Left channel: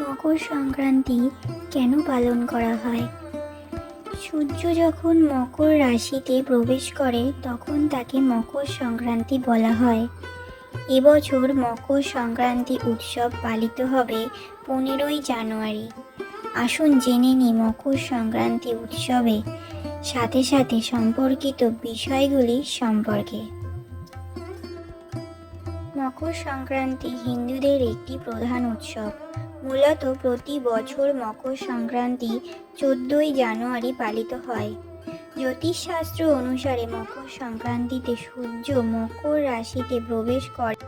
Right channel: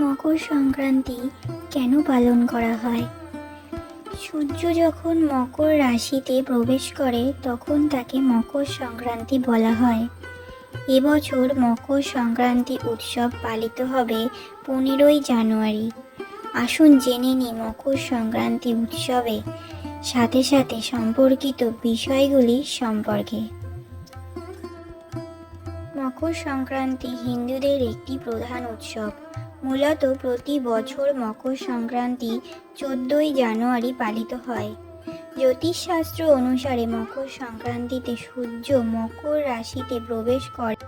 মকর সংক্রান্তি কেন পালন করা হয়? সূর্য যখন মকর রাশিতে প্রবেশ করে তখন তাকে মকর সংক্রান্তি বলা হয়। এবছর মকর সংক্রান্তি উৎসব পালিত হবে 15ই জানুয়ারি। আসুন জেনে নিই মকর সংক্রান্তি উৎসবে সাথে সাথে সম্পর্কিত বিষয়গুলি সম্পর্কে। মকর সংক্রান্তি হিন্দুদের একটি প্রধান উৎসব। মূলত প্রতি বছর মকর সংক্রান্তি 14ই জানুয়ারি পালিত হয়। জ্যোতিষশাস্ত্র অনুসারে মকর সংক্রান্তিতে সূর্য মকর রাশিতে প্রবেশ করে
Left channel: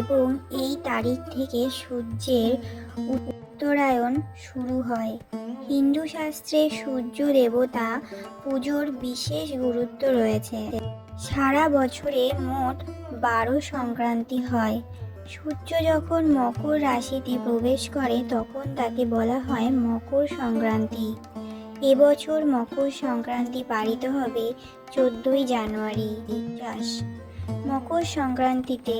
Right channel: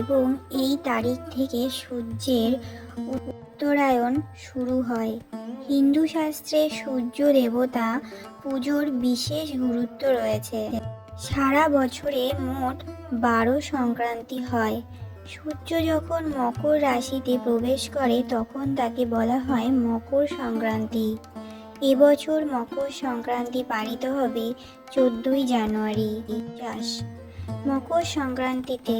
এবং এই তারিখ থেকে সূর্যের উত্তরায়ণ শুরু হয়। হিন্দু শাস্ত্রে সূর্য দেবতা পুজোর বিশেষ গুরুত্ব রয়েছে। সারা বছরে মোট 12 সংক্রান্তি হয়। সূর্য যখন মকর রাশিতে প্রবেশ করে তখন তাকে বলা হয় মকর সংক্রান্তি। এবছর মকর সংক্রান্তি পালিত হবে 14ই জানুয়ারি। মকর সংক্রান্তিতে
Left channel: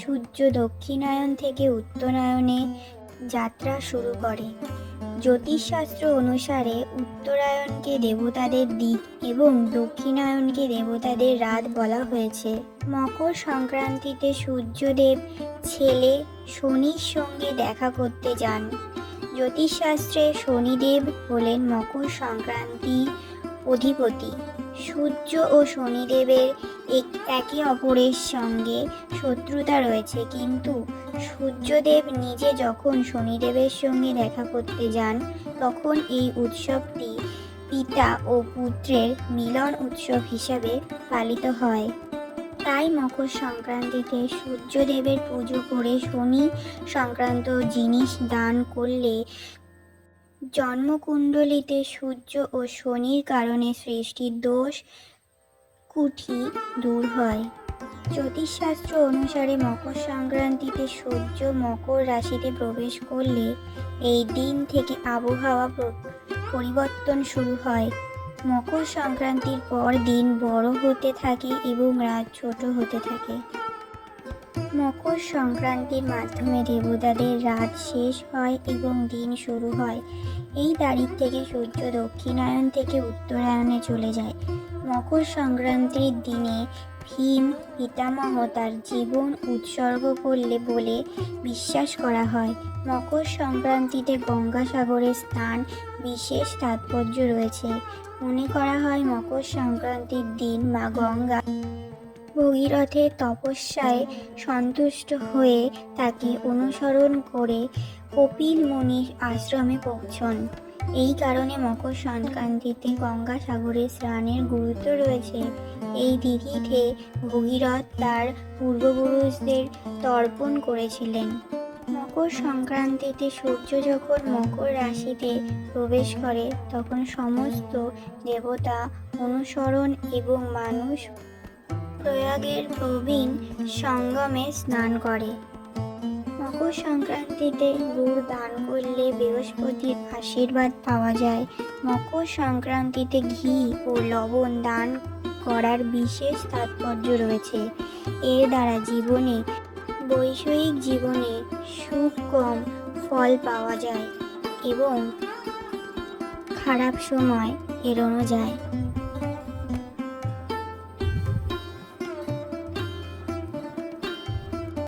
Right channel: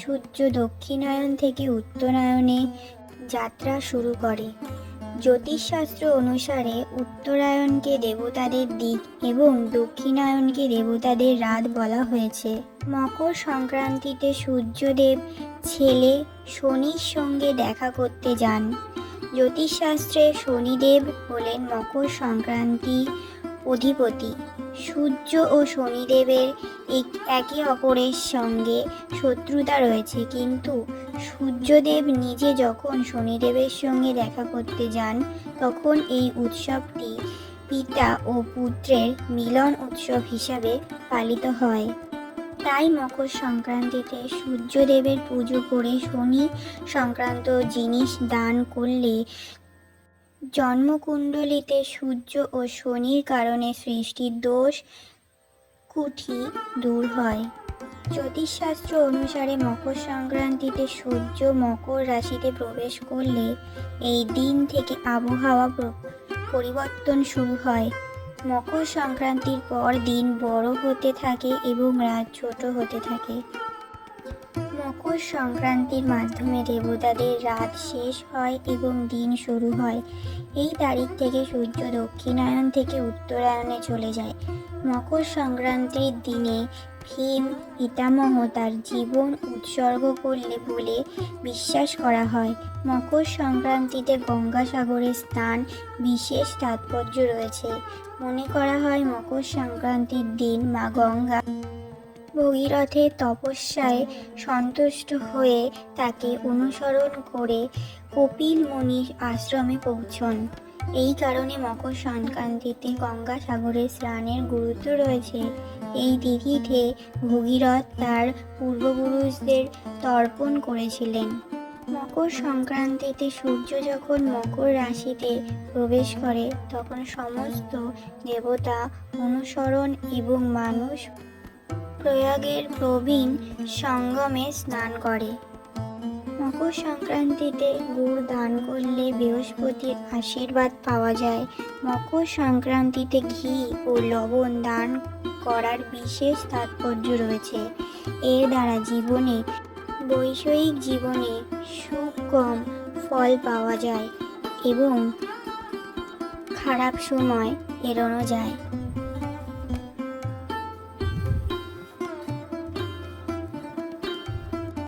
সূর্য দক্ষিণায়ন থেকে উত্তরায়ণে যাত্রা শুরু করে। জ্যোতিষশাস্ত্র অনুসারে উত্তরায়ণকে দেবতাদের দিক এবং দক্ষিণায়নকে দেবতাদের রাত বলা হয়েছে। মকর সংক্রান্তিতে সূর্যদেব ছেলে শনির সঙ্গে দেখা করতে যান। জ্যোতিষশাস্ত্রে শনিদেব হলেন মকর সংক্রান্তি অধিপতি। সূর্য ও শনিদেবের একে অপরের সঙ্গে শত্রুতা রয়েছে, কিন্তু সূর্যদেব নিজে যখন শনিদেবের সঙ্গে দেখা করতে যান তখন এই উৎসবটি পিতা ও পুত্রের মিলন উৎসব হিসাবে পালিত হয়। তাই মকর সংক্রান্তিতে সূর্যদেবের পুজো করে শনি সংক্রান্ত জিনিস দান করলে জন্মকুণ্ডলিতে সূর্য ও শনির কারণে সৃষ্টির দোষ কুঠি দূর হয়। জ্যোতিষশাস্ত্র অনুসারে মকর সংক্রান্তিতে সূর্য মকর রাশিতে প্রবেশ করলে এই দিন থেকে আবহাওয়া পরিবর্তন শুরু হয়। মকর সংক্রান্তির পর দিন বড় হতে থাকে এবং রাত ছোট হতে থাকে। মকর সংক্রান্তির মাধ্যমে দেবতাদের রাত শেষ হয় এবং দিন শুরু হয়। এই তারিখ থেকে সূর্য দক্ষিণায়ন থেকে উত্তরায়ণে চলে যায়। মকর সংক্রান্তির দিনে ভীম পিতামহ তার জীবন উৎসর্গ করলে বলে বিশ্বাস করা হয়। মকর সংক্রান্তিতে গঙ্গাসাগরে স্নান বিশেষ তাৎপর্য রয়েছে। মনে করা হয় মকর সংক্রান্তির দিন মা গঙ্গা ভগীরথের তপস্যায় সন্তুষ্ট হয়ে তাকে অনুসরণ করে কপিল মুনির আশ্রমে পৌঁছন। এই কারণে মকর সংক্রান্তিতে গঙ্গাসাগরে স্নানের গুরুত্ব রয়েছে। এই তিথিতে ভগীরথ তার পূর্বপুরুষদের তর্পণ করেছিলেন। মকর সংক্রান্তিতে সূর্য যখন মকর রাশিতে প্রবেশ করে তখন সমস্ত দেবতা অনুসরণ এবং মানুষ প্রয়াগের প্রবীণ সঙ্গমে স্নান করে। মকর সংক্রান্তিতে গুড় দান করলে বৃহস্পতির আশীর্বাদ পাওয়া যায়। মকর সংক্রান্তিতে ঘি ও লবণ দান করার বিশেষ তাৎপর্য রয়েছে। এর দ্বারা বৈষয়িক জীবনে সুকম ফল পাওয়া যায় এবং খারাপ সময় এড়ানো যায়।